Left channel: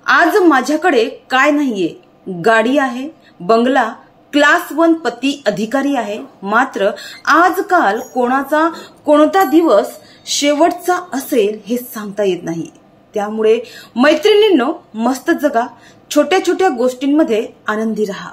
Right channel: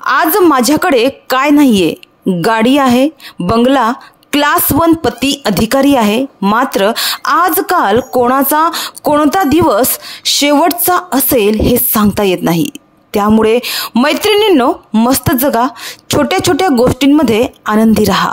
आज माझ्याकडे काय नाहीये, गाडी आहे, बंगला, क्लास 1 पती अधिकारी आहे, मात्र आजकाल कोणता दिवस शेवटचा असेल हे सांगता येत नाही। त्यामुळे मैत्रिणींनो, मस्त जगा, छोट्या छोट्या गोष्टींमध्ये आनंदी राहा,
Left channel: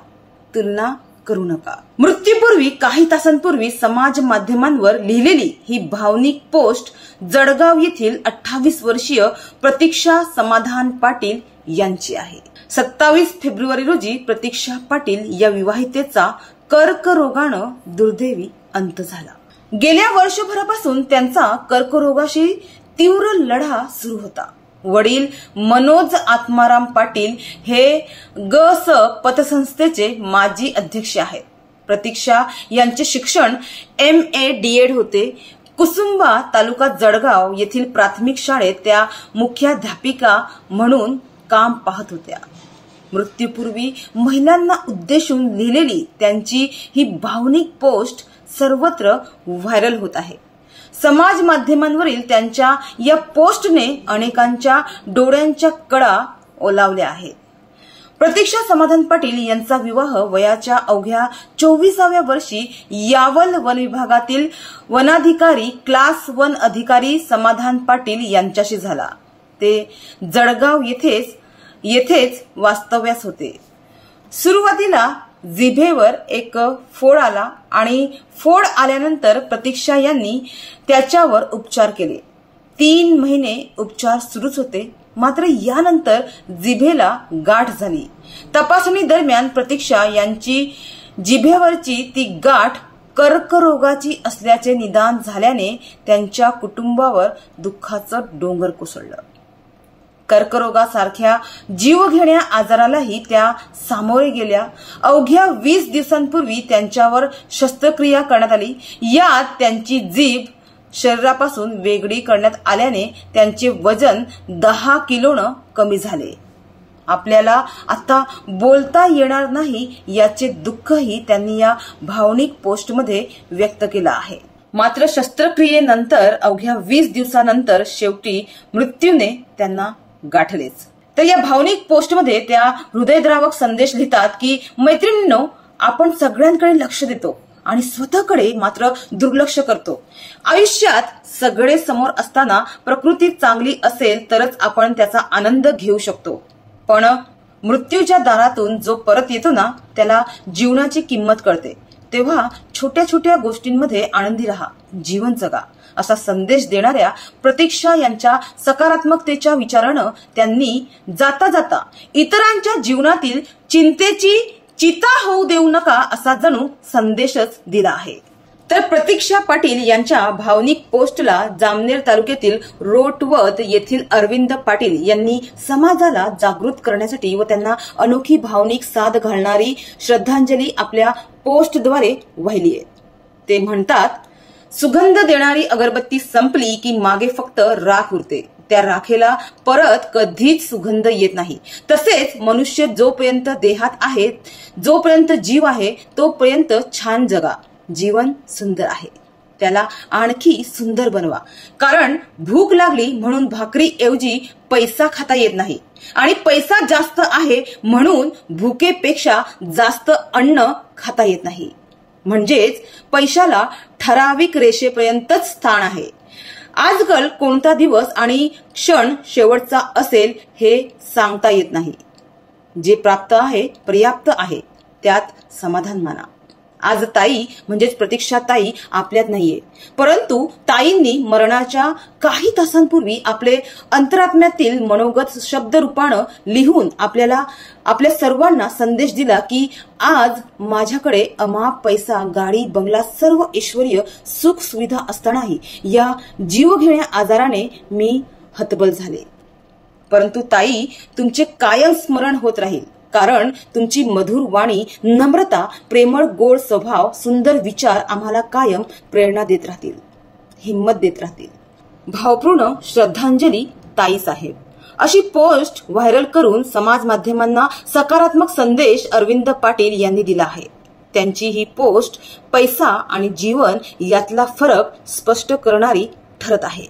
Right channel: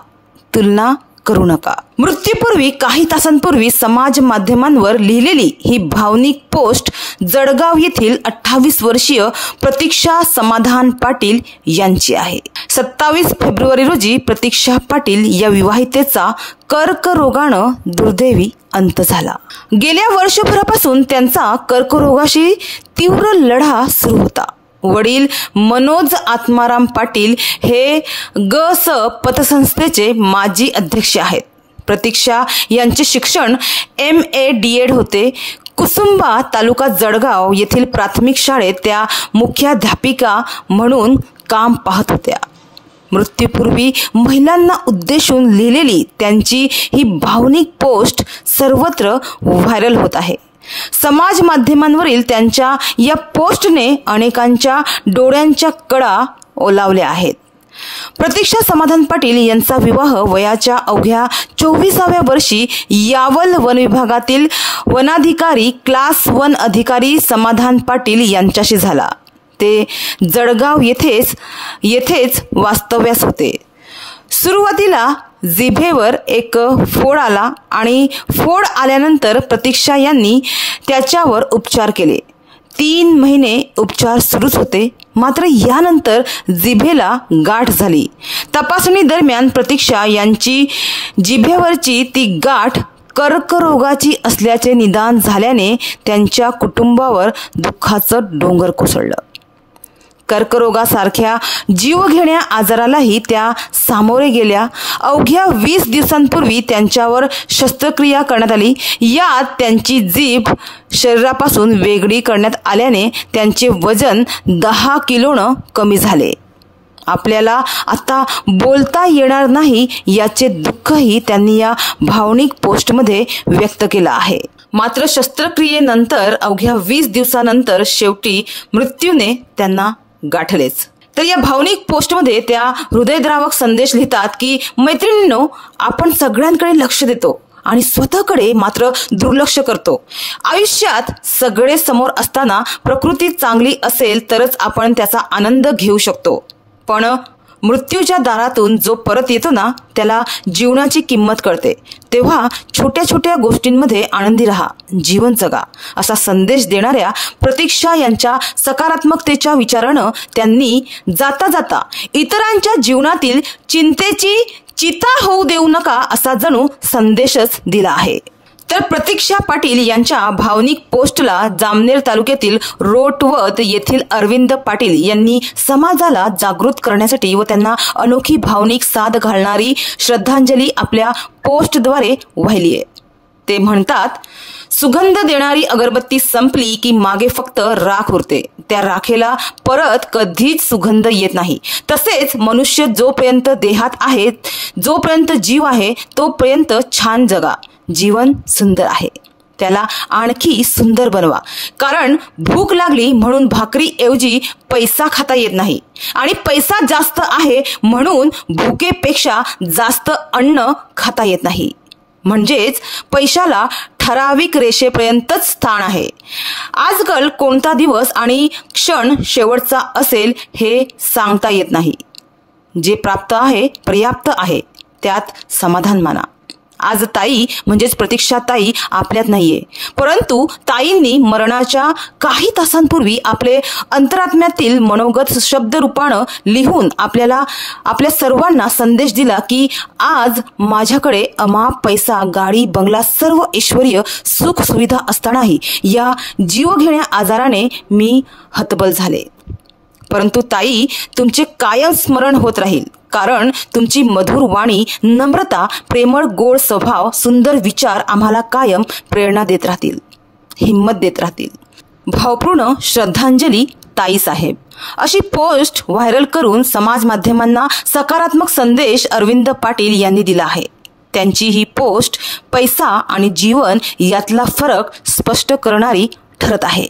तुलना करू नका। मृत्यूपूर्वी काही तासांपूर्वी समाज माध्यमांवर लिहिलेली ही भावनिक पोस्ट जळगाव येथील 28 वर्षीय प्रतीक्षा समाधान पाटील यांची आहे। 27 फेब्रुवारी रोजी प्रतीक्षा पाटील या विवाहितेचा कर्करोगानं दुर्दैवी अंत झाला। गेल्या वर्षभरापासून त्यांचा कर्करोगाशी तीव्र लढा सुरू होता। वडील मनोज आत्माराम पाटील हे ग.स. पतसंस्थेचे माजी अध्यक्ष आहेत। प्रतीक्षा यांचे शिक्षण MA DED होते। कुसुंबा तालुका जळगाव येथील प्राथमिक शाळेत त्या मुख्याध्यापिका म्हणून काम पाहत होत्या। मृत्यूपूर्वी महिलांना उद्देशून लिहिलेली त्यांची ही भावनिक पोस्ट सर्वत्र व्हायरल होत आहे। समाज माध्यमांवरील त्यांच्या या पोस्टने अनेकांच्या डोळ्यांच्या कडा ओलावल्या आहेत। प्रतीक्षा समाधान पाटील यांचा विवाह वयाच्या अवघ्या 24व्या वर्षी यावल वन विभागातील वनाधिकारी क्लास 1 अधिकारी समाधान पाटील यांच्याशी झाला। ते जळगाव येथेच वास्तव्यास होते। सुरुवातीला जिभेवर एक फोड आला आणि फोड आल्यानंतर प्रतीक्षा यांनी त्याच्यावर उपचार केले। 3 महिने उपचार सुरूच होते, मात्र यानंतर जिभेला गाठ झाली। तपासणी दरम्यान प्रतीक्षा यांची जिभेवरची ती गाठ कर्करोगाची असल्याचे निदान झाल्याने त्यांच्या कुटुंबावर दुःखाचं डोंगर कोसळलं। कर्करोगासारख्या जीवघेण्या आजारालाही त्या सामोरे गेल्या। अवघ्या 20 दिवसांपूर्वी त्यांच्यावर शस्त्रक्रिया करण्यात आली। यात त्यांची जीभ शरीरापासून वेगळी करण्यात आल्याने त्यांचे वजन 10 किलोनं कमी झाले। आपल्याला आता बोलता येणार नाही याचे दुःखही त्यांनी या भावनिक पोस्टमध्ये व्यक्त केलं आहे। मात्र शस्त्रक्रियेनंतर अवघ्या 20 दिवसानंतर शेवटी मृत्यूने त्यांना गाठलेच। तर या भावनिक पोस्टमध्ये त्या हृदयद्रावक संदेश लिहितात की मैत्रिणींनो, आपण सगळ्यांकडे लक्ष देतो आणि स्वतःकडे मात्र दुर्लक्ष करतो। आयुष्यात सगळे समोर असताना प्रकृती चांगली असेल तरच आपण त्याचा आनंद घेऊ शकतो, पण मृत्यूच्या दारातून जो परत येतो ना, त्याला जीवनाची किंमत कळते। तेव्हा छोट्या छोट्या गोष्टींमध्ये आनंदी राहा, जीवन जगा, असा संदेश देणाऱ्या प्रतीक्षा यांच्या सकारात्मकतेच्या विचारानं त्यांनी जाता जाता इतरांच्या जीवनातील चिंतेची चिता होऊ देऊ नका असा जणू संदेशच दिला आहे। तर प्रतीक्षा पाटील यांच्या भावनिक पोस्टला जामनेर तालुक्यातील रोटवत येथील अरविंद पाटील यांनी समाजाला जागृत करण्यासाठी व त्यांना अनोखी भावनिक साथ घालणारी श्रद्धांजली आपल्या पोस्टद्वारे वाहिली आहे। ते म्हणतात, सुगंध देणारी अगरबत्ती संपली की मागे फक्त राख उरते, त्या राखेला परत कधीच सुगंध येत नाही। तसेच मनुष्य जोपर्यंत देहात आहे, जोपर्यंत जीव आहे, तोपर्यंत छान जगा, जीवन सुंदर आहे, त्याला आणखी सुंदर बनवा। कारण भूक लागली म्हणून भाकरी ऐवजी पैसा खाता येत नाही आणि पैसा जास्त आहे म्हणून भुकेपेक्षा जास्त अन्न खाता येत नाही। म्हणजेच पैशाला ठराविक रेषेपर्यंतच स्थान आहे। आजकाल कोणता दिवस आणि क्षण शेवटचा असेल हे सांगता येत नाही। जे प्राप्त आहे, पर्याप्त आहे, त्यात समाधान माना। आज ताई म्हणजेच प्रतीक्षा ताई आपल्यात नाहीये, परंतु ताईंनी मरणाच्या काही तासांपूर्वी आपले अंतरात्म्यातील मनोगत शब्द रूपानं लिहून आपल्या सर्वांना संदेश दिला की आज माझ्याकडे अमाप पैसा, गाडी, बंगला, सर्व ऐश्वर्य, सुख सुविधा असतानाही या जीवघेण्या आजाराने मी हतबल झाले। परंतु ताई, तुमचे कायम स्मरण होत राहील, कारण तुमची मधुर वाणी, नम्रता, प्रेमळ गोड स्वभाव, सुंदर विचार आम्हाला कायम प्रेरणा देत राहतील, हिम्मत देत राहतील। भावपूर्ण श्रद्धांजली ताई साहेब, अशी पोस्ट व्हायरल करून समाज माध्यमांना सकारात्मक संदेश अरविंद पाटील यांनी दिला आहे। त्यांची ही पोस्ट पैसा आणि जीवन यातला फरक स्पष्ट करणारी ठरत आहे।